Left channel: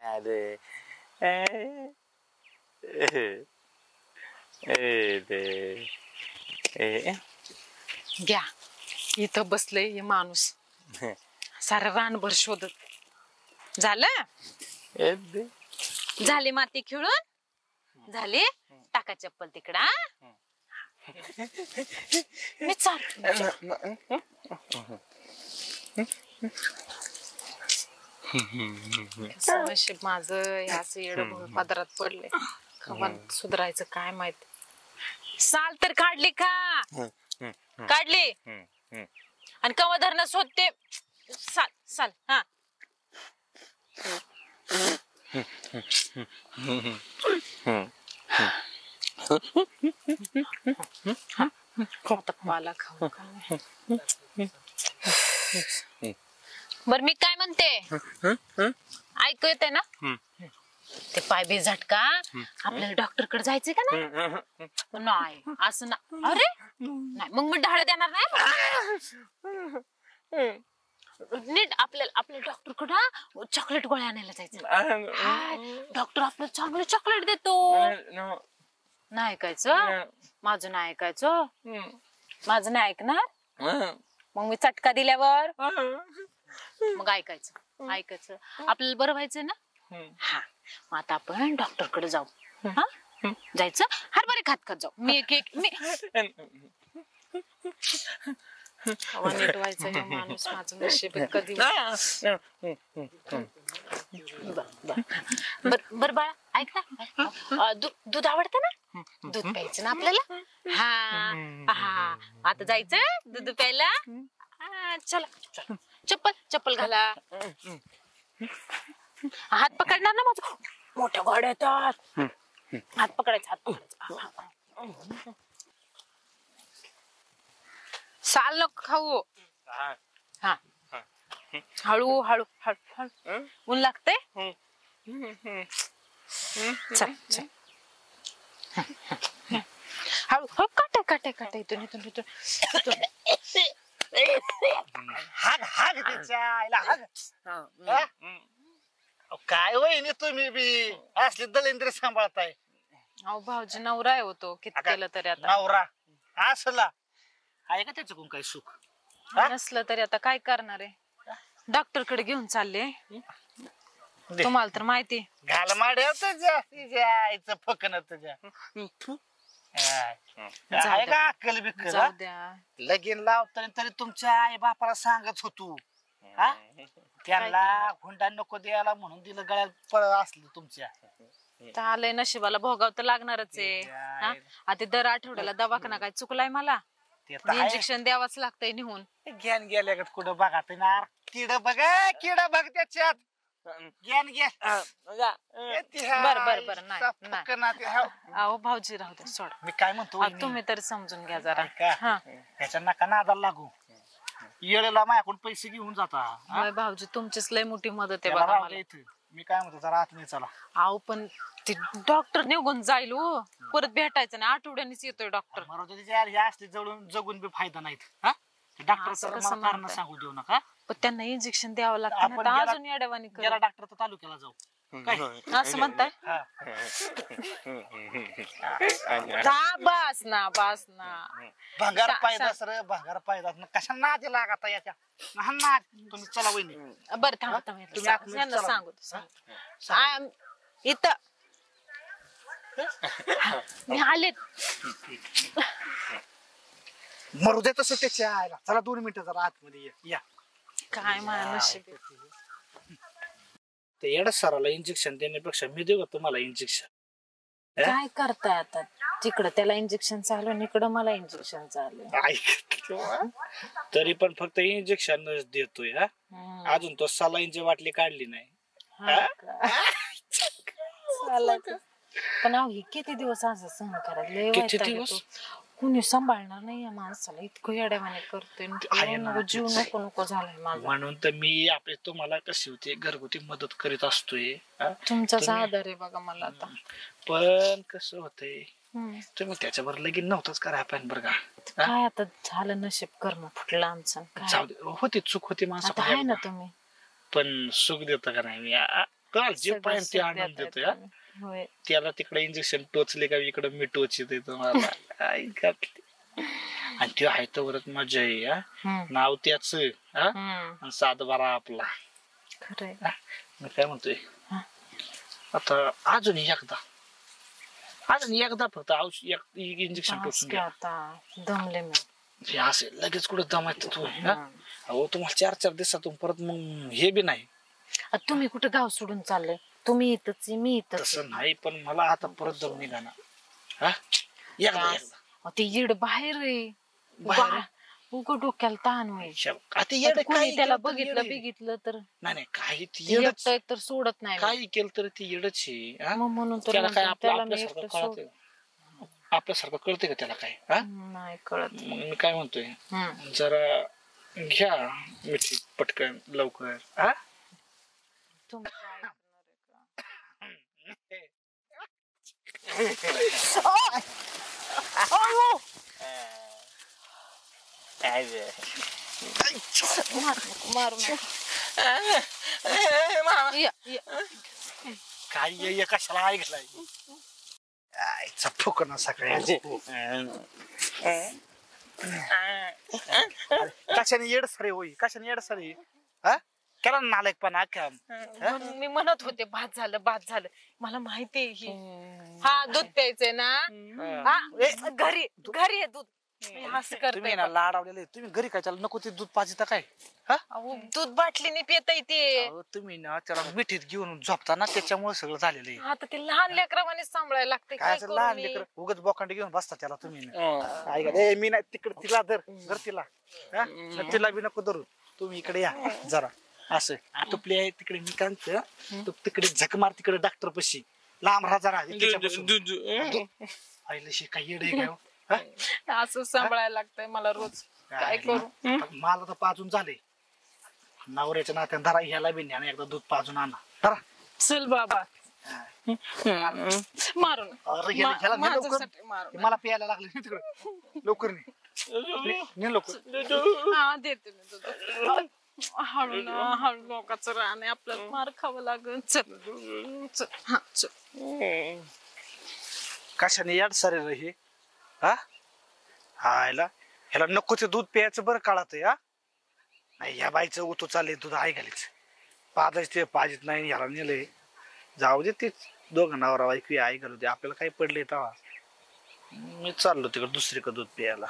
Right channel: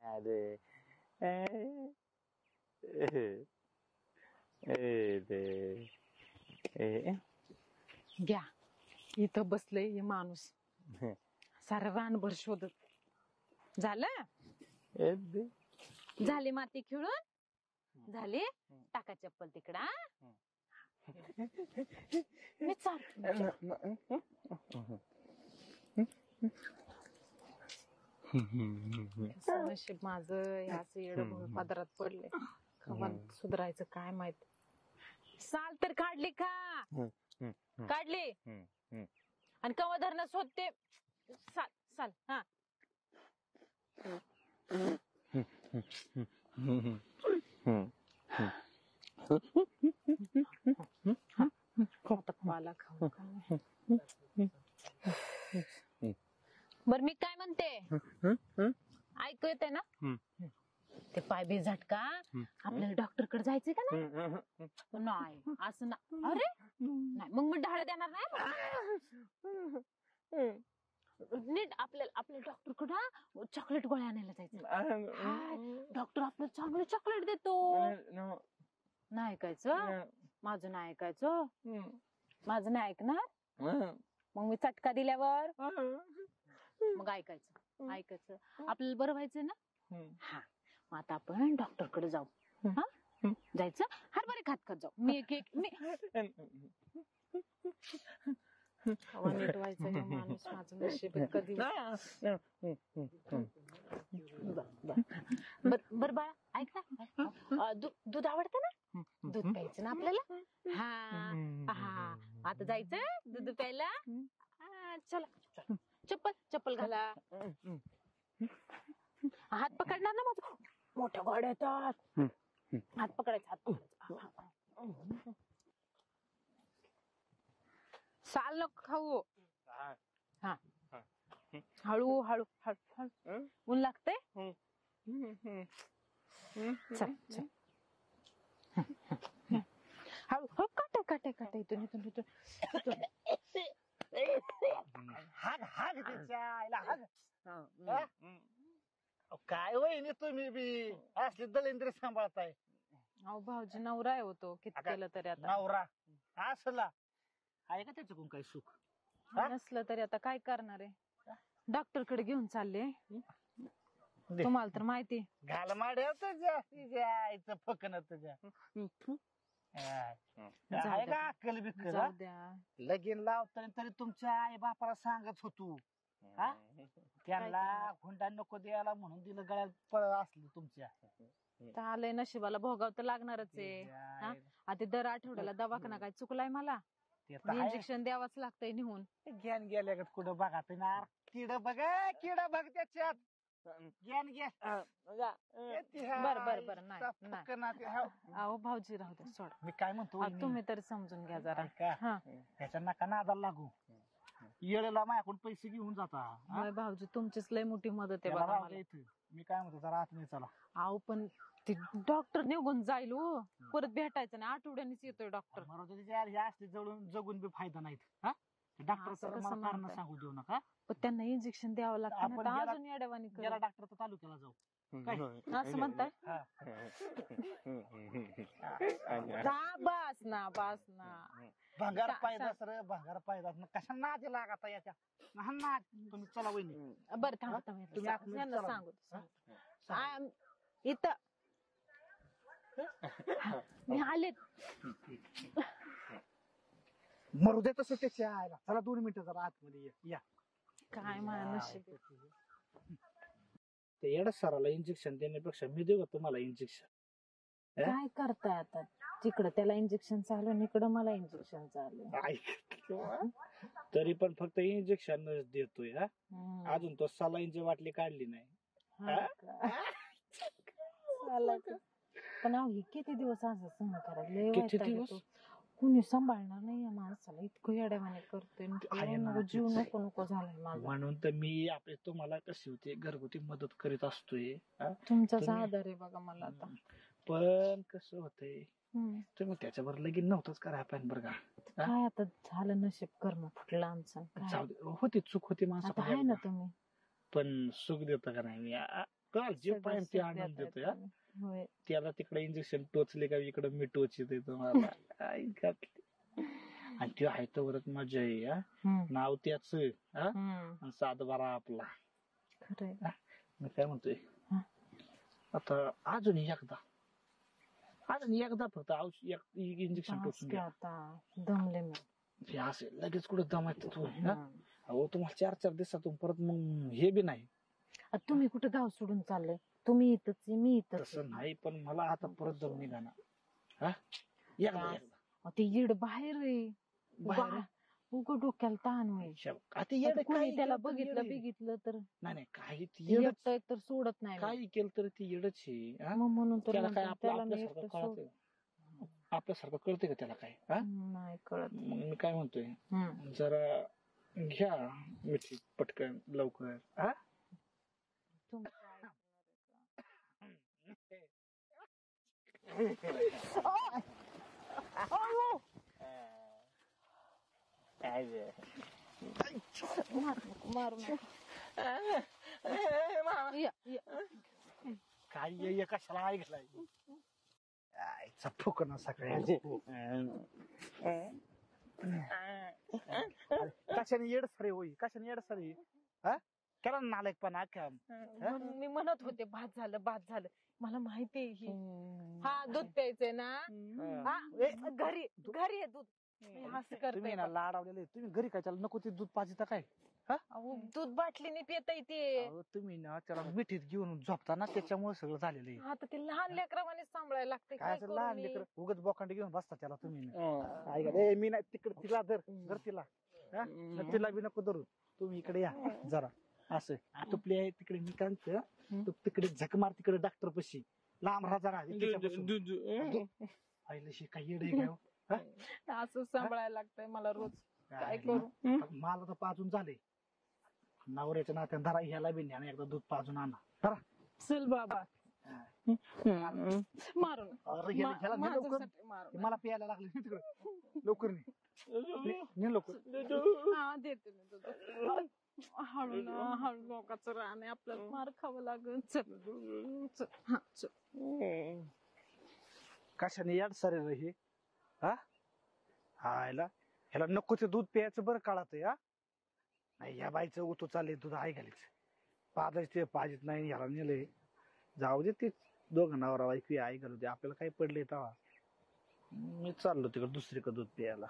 अरे घ्या इथं बसलंय हे माणूस सारा रानभर शोधत झालं झाले माती खेळून झाले टाका चप्पल तिकडा मी नशीब माझं ह्याच येड पदरात पडले खबर सुधारायचं काय माहित साल तर काढली का काढली आणि कवा धरणं शोधते साल साल हा पाला खाऊ बर मी काय म्हणते ऐकू येते ना ते पाय बी झटका आपल्याला डॉक्टर कडे जायचंय का नाही नाही असं ना अरे नाही मग मी ढाळ देणार नाही नीट आपल्या डॉक्टर कडे चॉकलेट गोळ्या आणायला जायचं डॉक्टर आपल्याला चांगलं चॉकलेट देतो नाही ऐकायचं माझं नाही ऐकायचं माझं नाही ऐकणार मग मी चटका दिल्यावर मग ऐकायचं आपल्याला बरं व्हायचं ना हा मग आता आपण डॉक्टर कडे जाऊ हा जायचं हरभरे खात जाऊ मी एक मी नीट व्हायचं हे माणूस माझं नशीब कधी बर बाळा ऐक ना दूध आवडतं ना दूध प्यायचं ना आपल्याला हा हा आता जायचं दूध प्यायला चला चला चप्पल घाला हात पकडणार ना माझं मोठ्या गाड्या येतात हात पकडायचा साल नको खाऊ हा हळू हळू हळू हळू ऊन लागतंय चल चल हळू हो काटे इथून काय वहिनी तुम्ही बी असले दलिंद्र सांभाळताय अहो भाऊजी नवरा आहे होतो किती केलं तरी आता नवरा असला आहे का त्याच्याकडून काही सुख नसलं तरी आता काय करणार आहे डॉक्टर कडे घेऊन चालले तुम्हाला तर माहिती घाल माड्या तुझ्या फकन तुझ्या अक्कल बिक्कल जाऊ द्या लगीन लावताना तरी तुमच्या आई बापाला सांगत होतो त्यांना हुंडा नको द्यायला म्हणून दिलं गळ्यात असलं तुमच्या आलंय नशिबाला भोगाव तर लागणारच आहे आता दर आठवड्याला दवाखाना काय चुकलाय मला इंजेक्शन द्यावाच लागतंय निघून ज्ञान गेल्या कुठं बघा किड बघ त्याच्यात ज्ञान बर नाही अहो भाऊजी राहू द्या सोड मी काय म्हणतो तुम्ही तर समजून घ्या जरा ह्याच्या नका नादाला लागू येळेला माझ्याकडून पैसे घेऊन जाता भाऊजी तुमचीच लय मोठी मदत आहे बघा मला मी काय म्हणतो जरा आतमध्ये चला अहो पण ते डॉक्टर निघून जाईल हो परत भेटायचं नाही आठवड्यानेच येतोय डॉक्टर असले जगून बी फायदा नाहीत डॉक्टर कारण सांगू देऊ नका पण त्यांना इंजेक्शन द्यावं लागतं अजून येड्यावानी गेला डॉक्टर तर तालुक्याला जाऊ असं म्हणताय बस ना भंगार पायदास रे भंगार पायदास कशा नादी लागता याच्या तुम्ही चला वहिनी बरं थांबा सांगू इथं मी आले मरू दे तसं त्याच्या आयला चला 2 मिनिटं जरा आतमध्ये या काय मला नशीब ते येडा सराला इंजेक्शन देण्यापेक्षा मी देऊ का तुम्हाला इंजेक्शन काय करताय आता तिकडं त्याला इंजेक्शन चालू आणि इकडं मला इंजेक्शन चालू तरी पण फक्त इंजेक्शनच देतोय अजून तो सलाईनची बाटली काढली नाही पण हे किती दिवस असं सहन करायला कुणी सांभाळणार नाही या माणसाला इतकं येड्यावाने करतोय जीव नको झालाय माझा म्हणून तर मी आपले तुम्हाला कशी होती घरगुती मदत करीत असतोय तुमचाच आधार आहे बघा मला आता पण कसं होतंय तुम्ही त्याच्यावर लगीन नव्हतंच करा आपण बरं का. काय आता झालं, नशीब कर्म फुटलं आमचं काय. जाऊ दे, होती चूक होती आता आहे ना माणसं, तुम्ही. पण सुख देतो का नाही मी काल जे सगळं पाहिजे ते सुख आनंद देताय देतोय. तुम्ही. होय. त्याला तिकडे इंजेक्शन टोचले का इकडे मी टोचते तुम्हाला. आई घातली. आणि ते आहे तर वरच मजा आहे. नाव त्याच सात बारा आपला. खरंय. मी काय म्हणतोय, आता अजून एकदा फक्त इंजेक्शन टोचून घ्या. आता दमले मी. हे असे लगेच कुठे दमायचं तू. अहो तुम्हाला 4-4 दिवसातून परत मग हे बी नाही. तुम्ही कुठे गाव सोडून चालले? तुम्ही इथंच मी इथंच. तसं नाही, पण मला आता परत दम निघाना. एकदा ते येड बाहेर आहे. उग डोक्याला ताण होईल. कोणी त्याला बघितलं तर नाही काही एकटं तर सोडत नाही. काही केलं तर ती येडच आहे. मग म्हणून तर त्याला काय त्याला मी एकटं आपल्यासारखं कळते का त्याला काय? नाही कळत. मग मी काय म्हणतोय, जरा घ्या मिठी पटकन लवकर. तुम्ही काय मारू काय कशाला ऐकलाय फुकणं सगळ्या कशाने येड सरे होई, कशाने येड सरे केला नालायक पण मी म्हणत होते भात झालं मला माहितीये. हा दूध प्यायचंय ना. घरी आहे दूध. तुम्ही ना लाडावलेले, तुम्ही घरी काय त्याला नको ते दूध पाजिता काय? दूध बाटलीने पिता येते. तुम्ही ना त्याला मिठीत घेऊन झोपता ना, त्याच्यामुळे सगळं झालेलं आहे. आता ते लहान लेकरावाने सांभाळायला लागते. काय लहान लेकर उगाच बोकांडी घेऊन बसता त्याला तुम्ही. मी नाही तिकडे तिला धर तिला. तिला बी नको धरू, तुम्ही इकडे या जरा. असं तुपली आहे तिकडे, मी काय तू तिकडे झक मार तिकडे डॉक्टर पशी लांब राहा जरा. आईला शे काय येड आहे काय असं सांभाळायला लागतंय मला रोज. काय करू? मला तर पाजून झाले नवऱ्याच्या नात्याने. धरा ह्याला बी न्या एकदा दूध पाजून आणा. धरा चल बाबा. मारून मला प्यायला लागले तिकडे. लवकर ने लवकर. हा देते मी दूध. हळू लोकांचं राहणं आपल्याला मार खावं लागेल. चल हा चल. कशाने याड सरे हे ह्याला नको ते दूध प्यायचं बरं काळात. नाही ह्या बाईचं उतू चालले दूध आहे घालीच पाजायच ते पाजित नाही. ह्याला नेलंय जाऊ दे, ते दोघं नवरा बायको आई घालू दे. आपल्याला काही पडले तेव्हा मी चाललो तिकडे दुसरीकडे दूध प्यायला.